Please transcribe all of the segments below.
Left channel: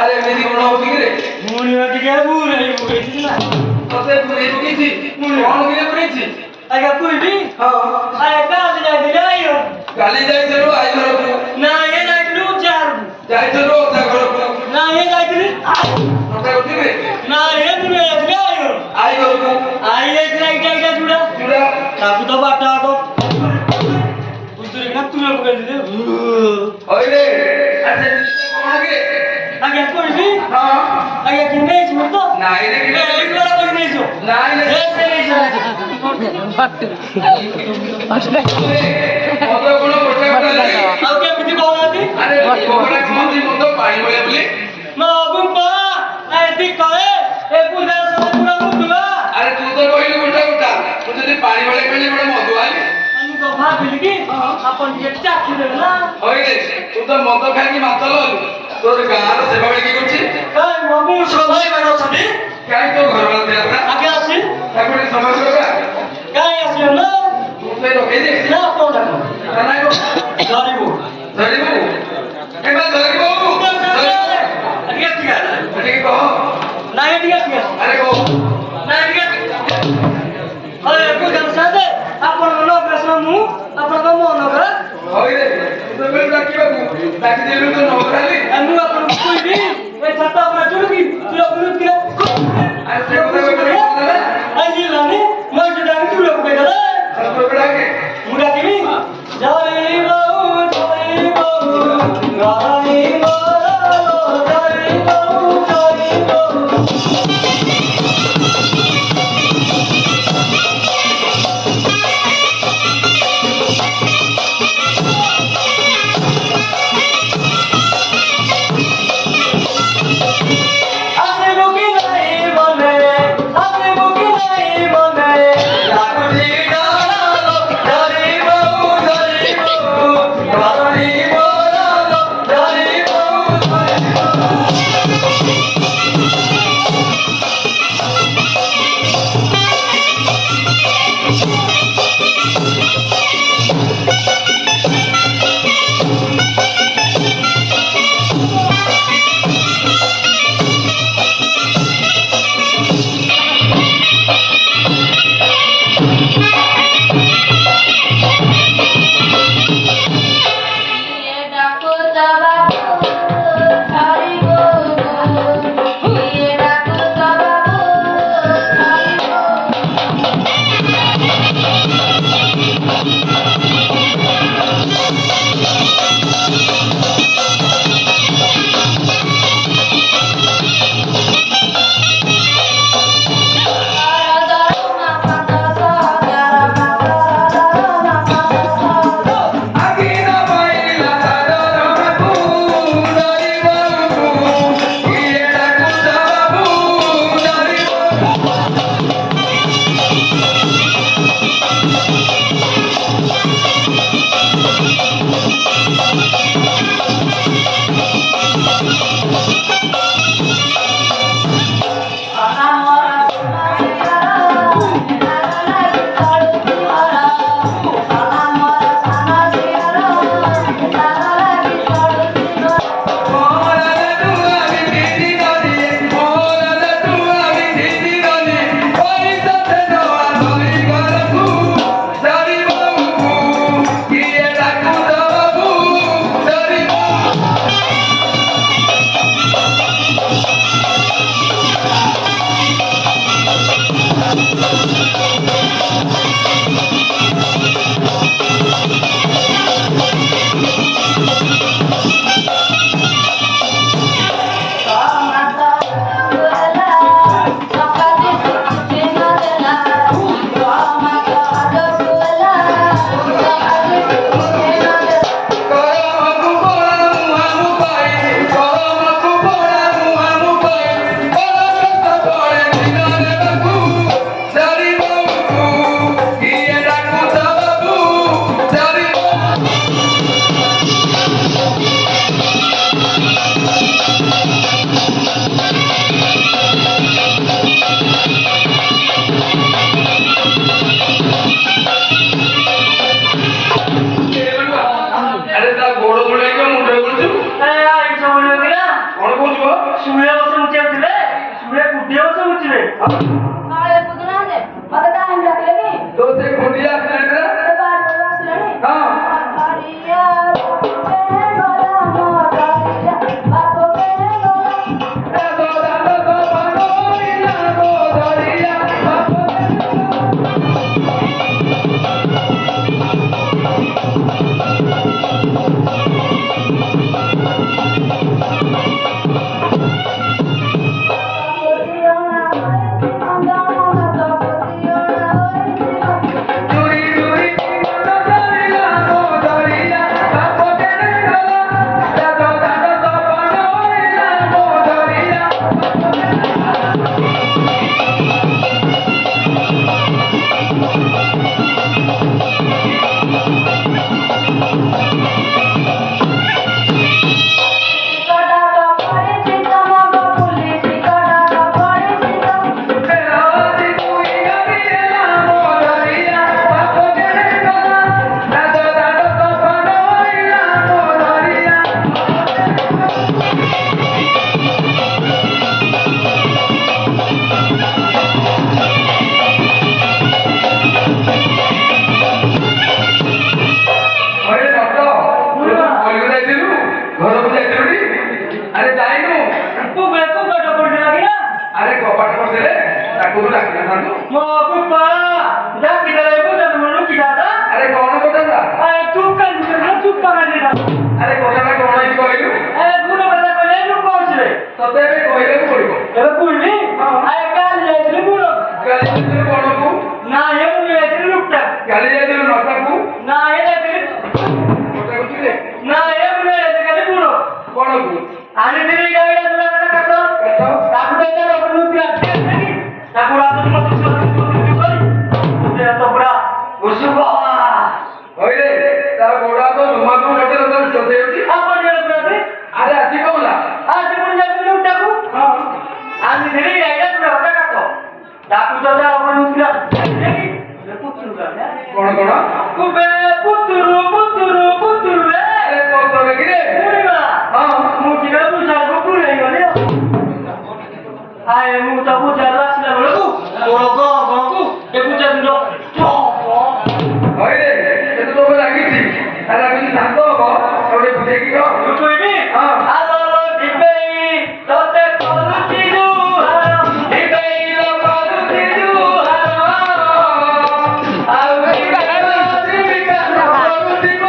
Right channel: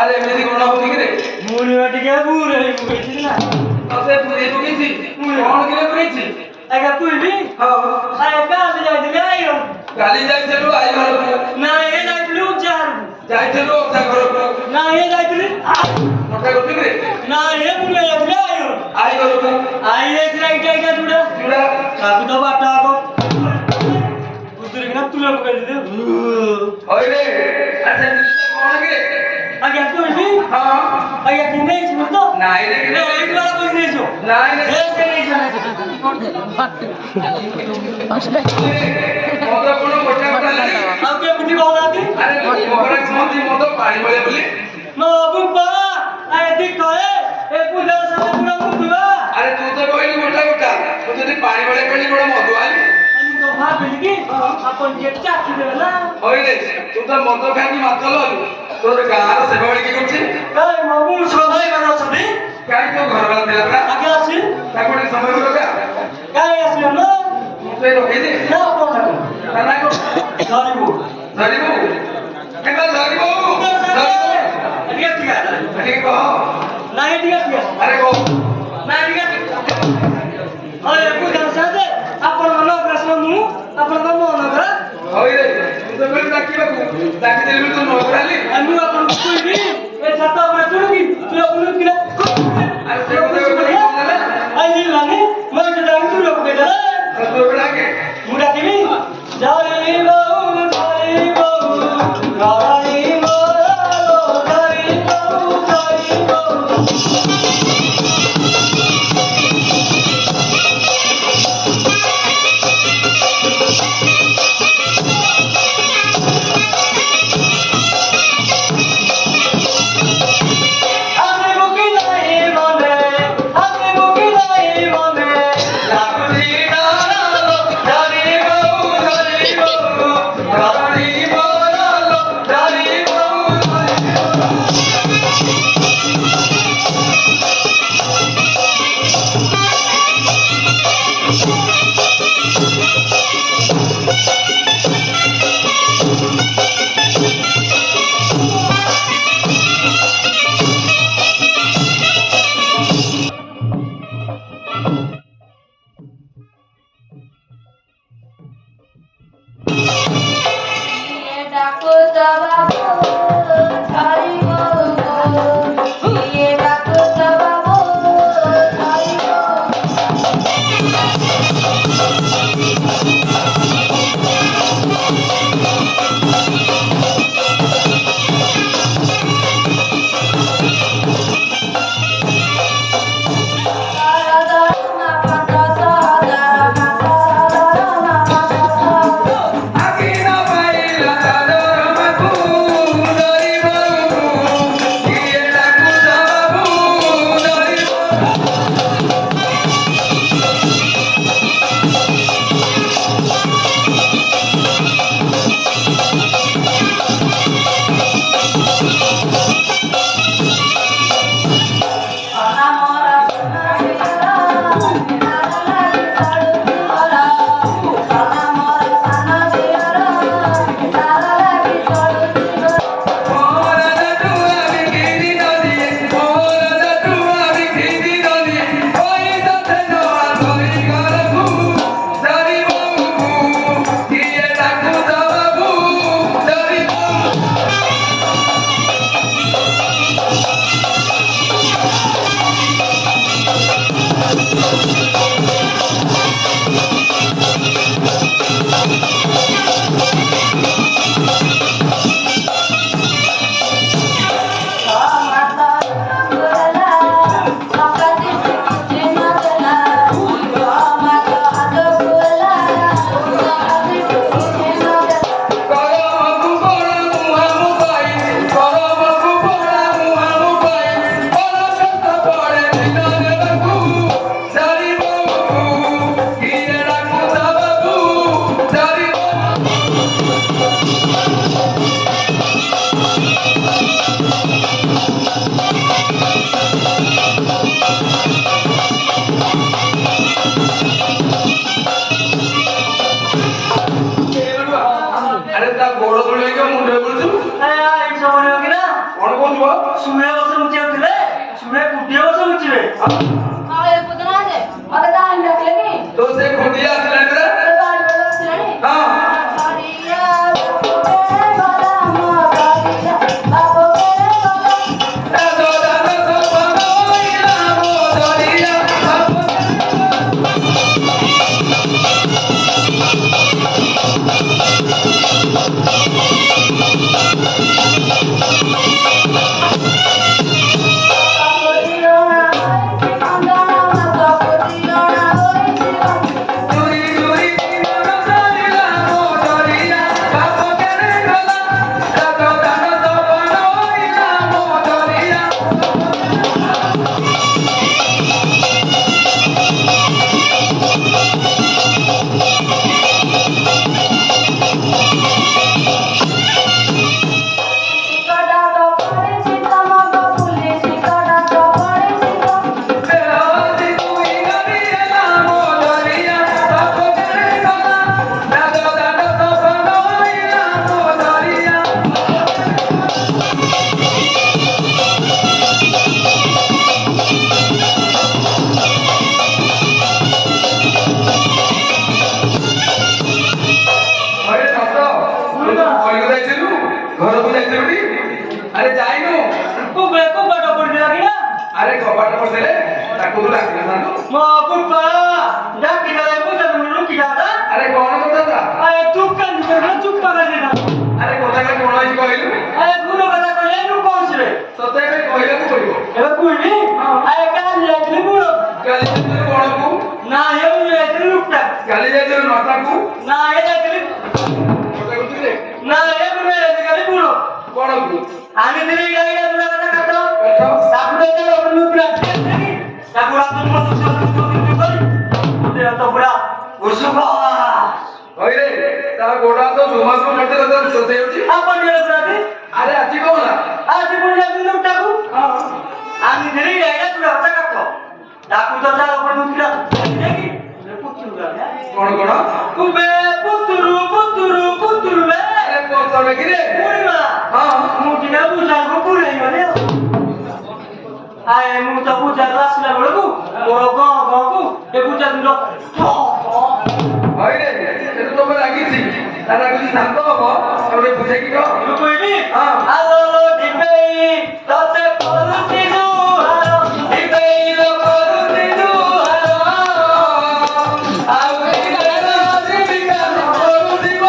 अरे मेरी कौन हो बिगड़े मुनी वाटी क्या बुरे ही बुरे थी ना अबे बुरे की थी मुनी कौन गिरे बुरे थी अगर कोई भी हां आए कहां जा दिले आयो गाली जाई चलो आई घर ना ये जाइलु चार जाई चलो ओता घर ना ये जाइलु ओता होती रे ना ये मुनी जाइलु आयो आई घर आई एक राइट आइटा जुड़ा जुड़ा काकू तो बाटा को उधर ना तू लोग कह दे ओए रे अच्छा कौन गे आगे कोई भी हां आगे किने छ तो नहीं रे ए एक वाला कोई नहीं छो नहीं रे ऐसे नहीं छो मतो कोन कोठा कोठा लगे अब के बिति कहलाती अरे कोठा छमती मतो पानी बोले बोले मैं बुम्बा आए दिख कहे ए पूजा से पूरा मुतुआ अरे तू तो कोई कोठा कोठा तू जदी पानी बोले कहली बड़ा मधु आली আমি তো ভাবিলি কি আপন দিয়ে চাকি দেব না ওই রে तू तो मतो खाई मातल हलु तोर गार सेवा बड़ी की करछि এই মগু সবাই বড় ছবি काई तो घर वाला दिया था আগে আছে তারপরে সময় করবে কাই আসলে না তুই রোকে দে না কোন থাকো না কো ধরিবো ধরিবু এবা ধরিবু আগে ঠিক আছে ঠিক কহ না ঠিক আছে আরে কহ না ঠিক আছে আরে পূজা সাথে আপন মন প্রশ্ন মু আপন মন কর ওই রে তুই তো বলি ডাকি দিলু তো নগরালি আমি আপন কইবি এই ছাতা উপরে চড়বি তুই আপন কিনা আরে সে কথা কই না আই দিলানি মই তো জানি তুই লোক কইলা তোর বড়াকে মুডা দিবি যাইবো যাইবো গাইবো যাইবো আসিবো কি না শুয়ে বসে মুচিয়ে শুয়ে কুটিয়ে বসে মুচিবে আরে পুতনা আছে মতে টাইম রাখলেনি তো সে খুঁটিয়ে আসলেন না বাড়ি আসলেনি হ্যাঁ বাড়িয়া রে বালা মা বাড়িয়া বাবু রে আরে যাইনু কুবে কুবেটা পড়বে লাগি না আরে কপাট করছিলে তাকে ডাকলে না মা কুপা ডাকি দাও বুঝা তুমি লুকি দাদা আরে কোন কথা দা আরে চুপ কর না চুপ কর না আরে কথাটা কোন হইছে কইলু আরে পুরো কথা কইলে নু পৌঁছবে সতে বে কইলে কইলো এবার কইবি আরে কাল যাইলি পুরো কালি যাইছিল কোনকু না হেউ যাইলি লুকটা কালি যাইছিল নটাকু না হে যাইলি কথা কইলে না হেউ যাইলি পুরো কোনকু আনি দিলি গাইডা তোরা কথা কাটো কথা তারপরে এটা ওপর লুকটা দেখি তারপরে তো পুরো কিছু করি ওতে তো পুরো ঘুষু পাওয়া কইলে তার গোড়া তো জমাসু মতে তো সতে হইছি আপন জেলে পুরাতে আরে আজি কোলা আজ পুরো যাবি লুকটাকু আনি দিলি গাইডা তোরা কথা কাটো তারপরে তো যা ওপর লুকটা দেখি পুতুল গায় কোন কোন কুবে পুতুল রে আরে তো তবে কি রে পুরিবা হ্যাঁ মুটিটা বুঝাবো পুরাই গেলে আয় মুটা বুঝা রাসলা বলকু মোর গগু এ বুঝা দিল কইলে এটা তো লাগিছি আরে আমি নাম তো বাবা ওরে বুঝে কি গো কইবি হ্যাঁ আলো দিবেই তোতে করুতি জু দিবেই তো করুতি জু আউ কি বাবা দিবিকা না বলু দিব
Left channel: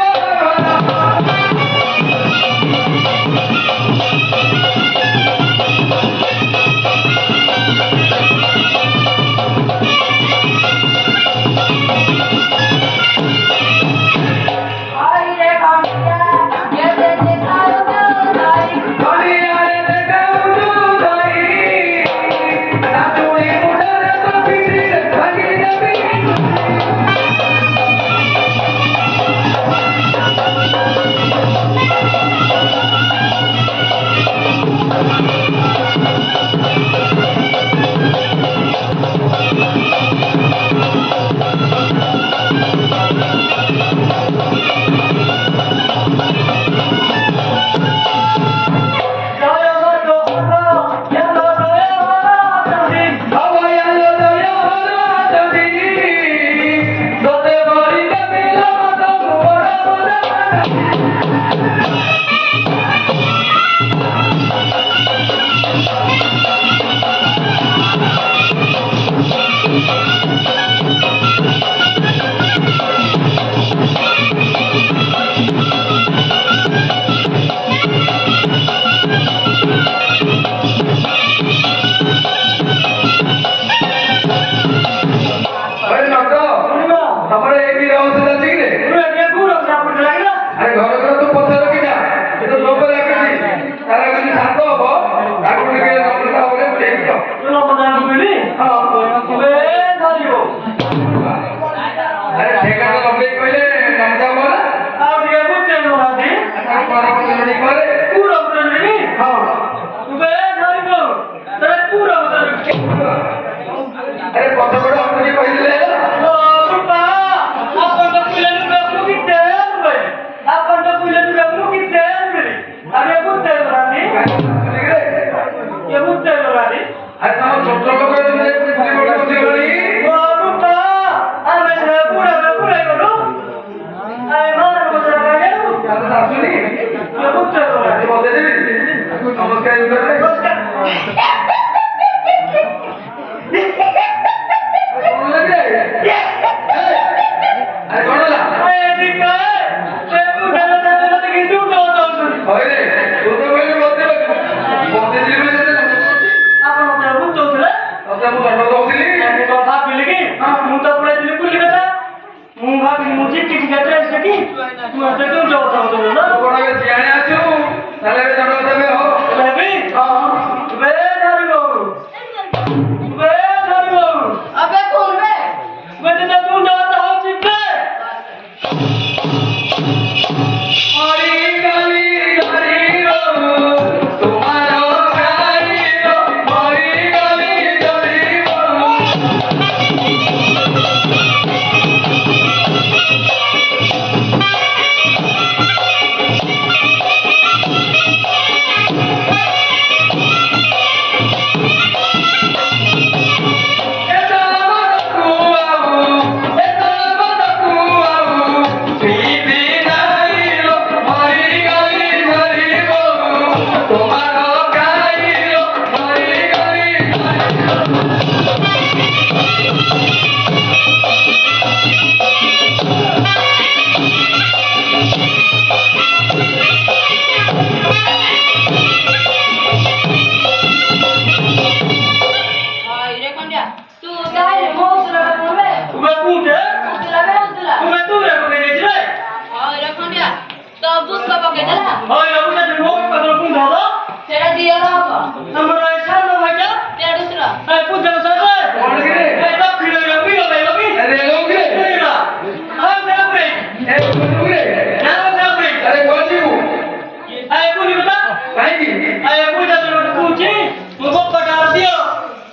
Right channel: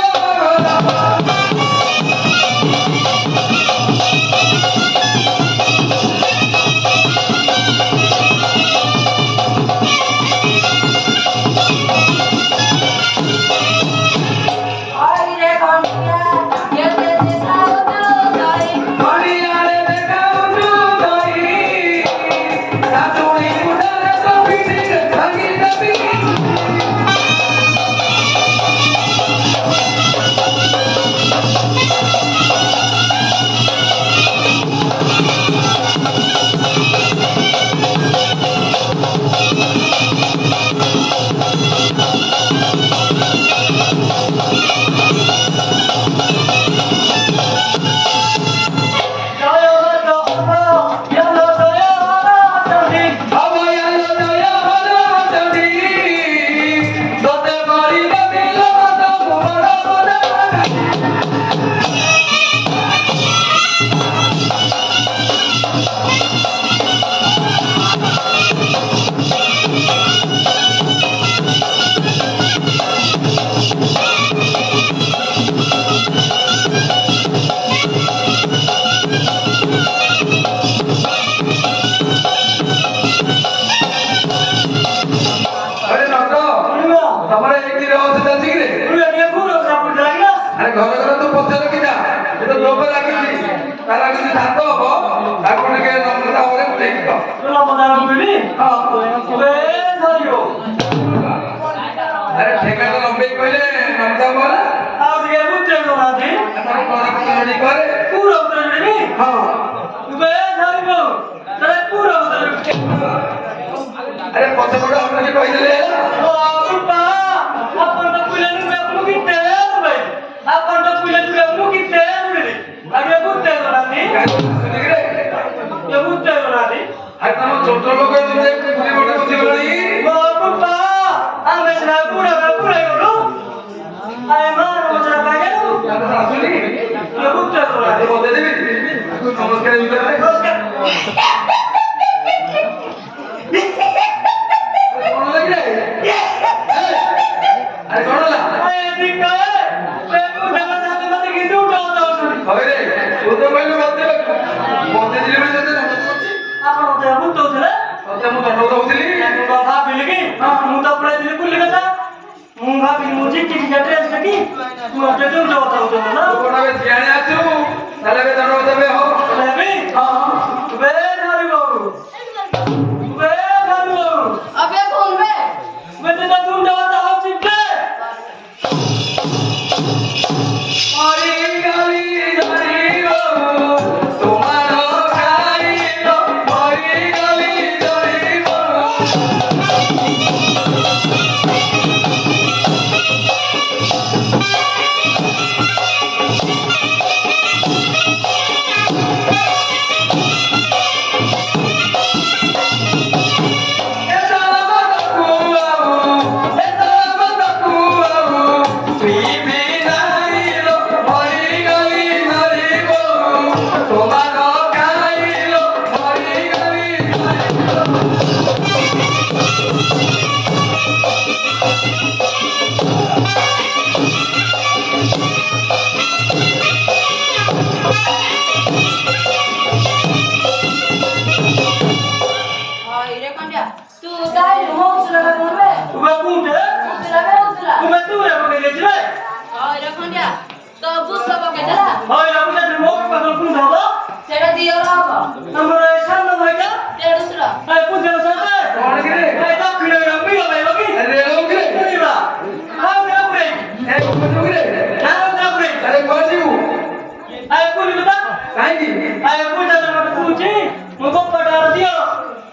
ଆରେ ତମ ଛୋଟ ଲୋକ ତୁମେ ପୁରୀ ଗୋଟେ ବସିଗଲଣି ବାପା ଆମେ ସେ ପୁରା ପୁରା ଗଲୁ ଆଏ ମାର ମଜା ଖାଇଲୁ ଆସୁନି ପୁତ୍ର ଆଜି ମତେ ଦେବି ନମସ୍କାର ଭିତରେ କଣ ଲାଗିଲା ଆରେ କଣ ହେଲା ଆଏ ଦିକା ସେ ପୁରା ମଜା ମତେ କିନ୍ତୁ ଦଉଛନ୍ତି ହଇରେ ତୁ ତ କହିଲୁ ମତେ ମତେ ଦିଲି ନା ତତେ ଦଣ୍ଡ କରୁଛି ଆପଣ ତ ବୁତଉଥିଲେ ତତେ ମୁଁ ଦଣ୍ଡ ଦଉଥିଲି ମୁଁ ତ ଭାବିଲି କି ମୁଁ ତ ପୁରା ଦିଲି କୁଲି କଥା ମୁଁ ଭାବିଲି ମୁଁ ଚିଠି ଟିକେ ଡ୍ରେସ୍ ଦେଖି ତୁ ଏତେ ତୁ ଦଉଥାଉ ନା ତୁ କଣ ଏବେ ସିଆଣେ ଆଛୁ ତାହେଲେ ଏବେ ଦଣ୍ଡ ଦେବେ ହବ ବେବି ବେ ଧରିବ ବେ ଧରିବ अबे कौन बे वे तो तुम दौड़ता हो चिप्पे हरी गली धरी रहू तुम्हारो गाइलो हरी गली धरी रहू तुम्हारो गाइलो हरी गली हाय रे कंडिया तू दाई मो उतला रे कौन बे वे पूछे उतला बे उतला वे तू रे को दे रे हाय रे कंडिया तो बुस का पकेटला हाय रे उसे मो को तो पूछा दो तेरा दियो रहा नंबर ए सामने भाईजा तेरा दूसरा ए पूछे सर कौन गिरे ए तो खिले रे पियो भाई लोगी अरे लोग गिरे पूरा हां दे अपने ए कौन गिरे ना दे अपने अरे कौन जीव ए पूरी बता काहे की ए पूछा तो पूछी मुझको पटार दियो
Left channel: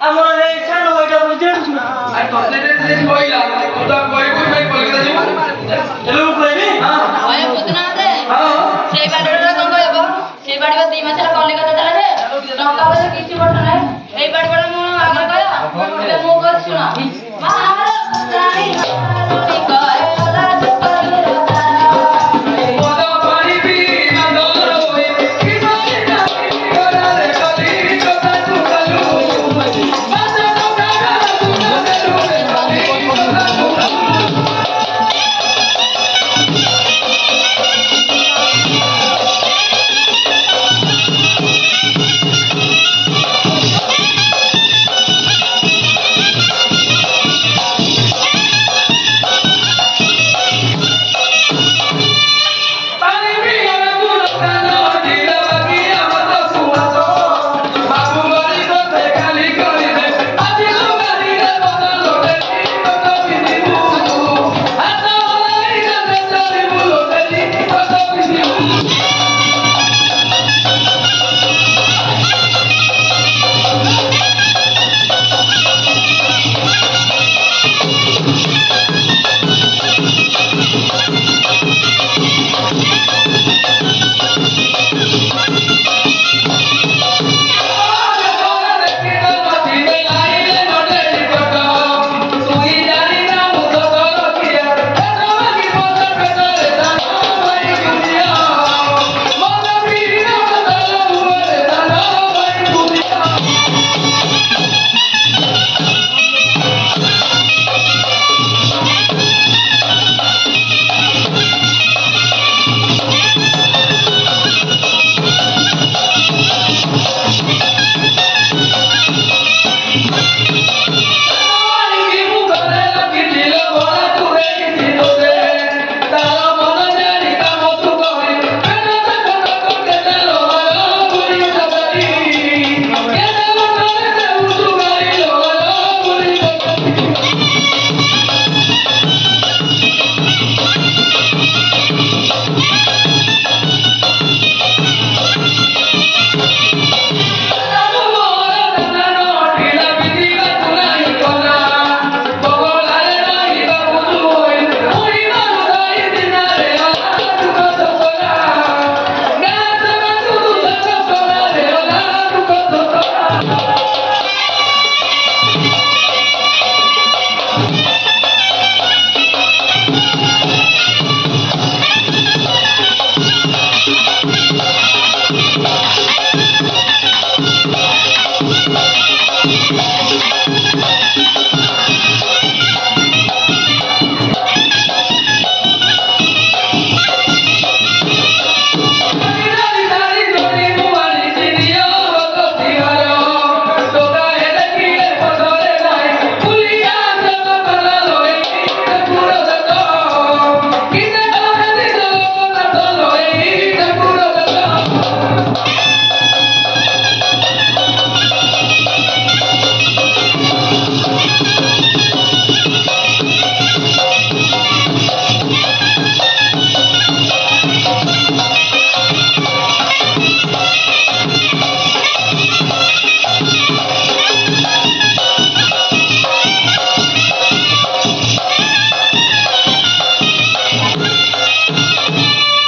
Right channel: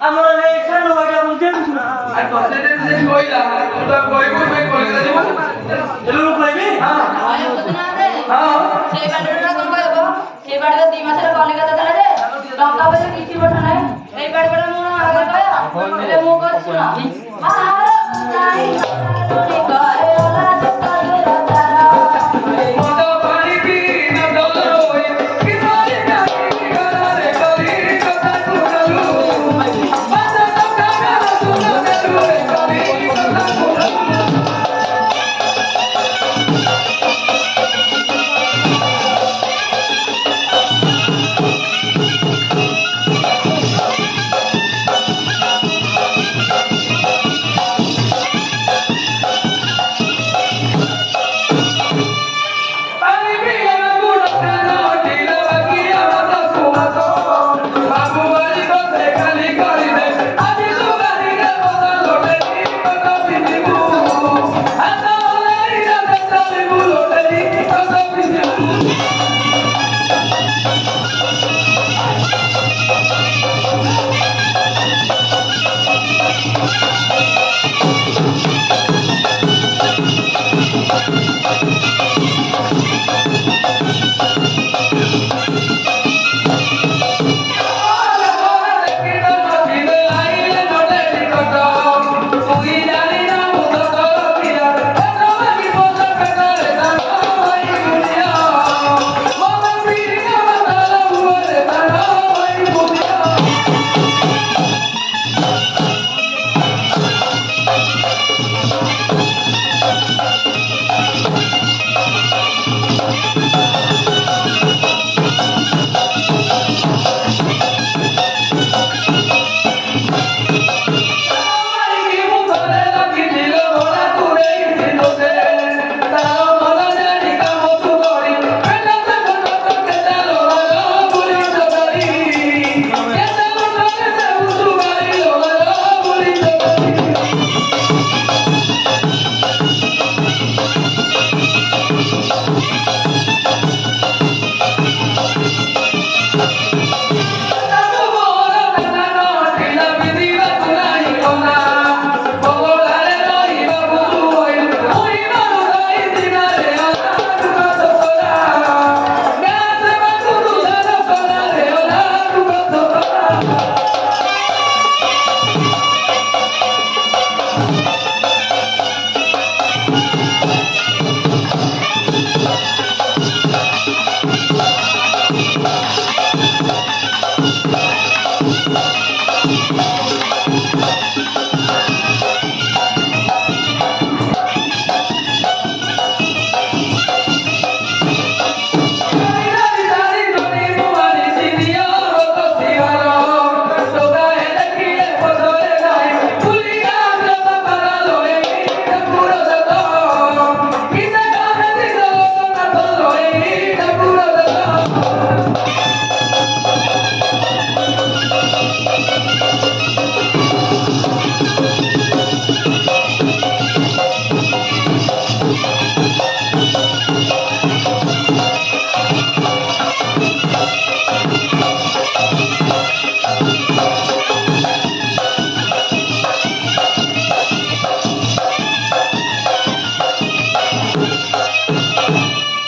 ଆମର এই ସାନ ଭାଇଟା ବୁଝେଇଛୁ আর ততে যে কইলা তোটা কইবো ভাই কলকাতা যাব ହେଲେ ମୁଁ କହିବି हाय पुतना दे हां সেই বাড়িটা কোন কইবো সেই বাড়িতে 2 মাসের কলিকতা চলে যে টঙ্কা পয়সা কিছু বড় নাই এই বাড়িটা মু আগে কয় ଏବେ ମୁଁ କହୁଛୁ ନା ମାର ନାହିଁ ରୋଟି କୟଲା କରି ରାତା মদ পানি পি না দরই কি মারি না গরারে কলি কথা শুনলু বাসা টাকা শুনলু রে কলি কথা শুনলু पानी पिया ना पुरो कानो दिल बगिया मत सुनासो बाबू वाली को ते खाली करी दे आज तू गाली रे बदल लोटे मत पिनीबू हाथ वाली रे चली बुलो तेरी मत पिनीबू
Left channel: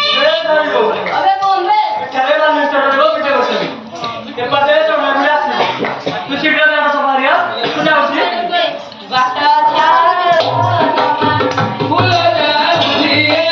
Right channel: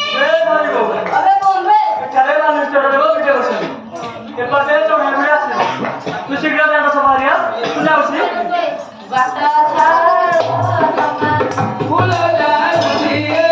अबे बोल रे चलेगा नहीं चलो देखो कितने बच्चे के पास है तो मैं भी आसे तू सीधा जाना समारिया तू ना उसे बाटा छाड़ फूल जातिए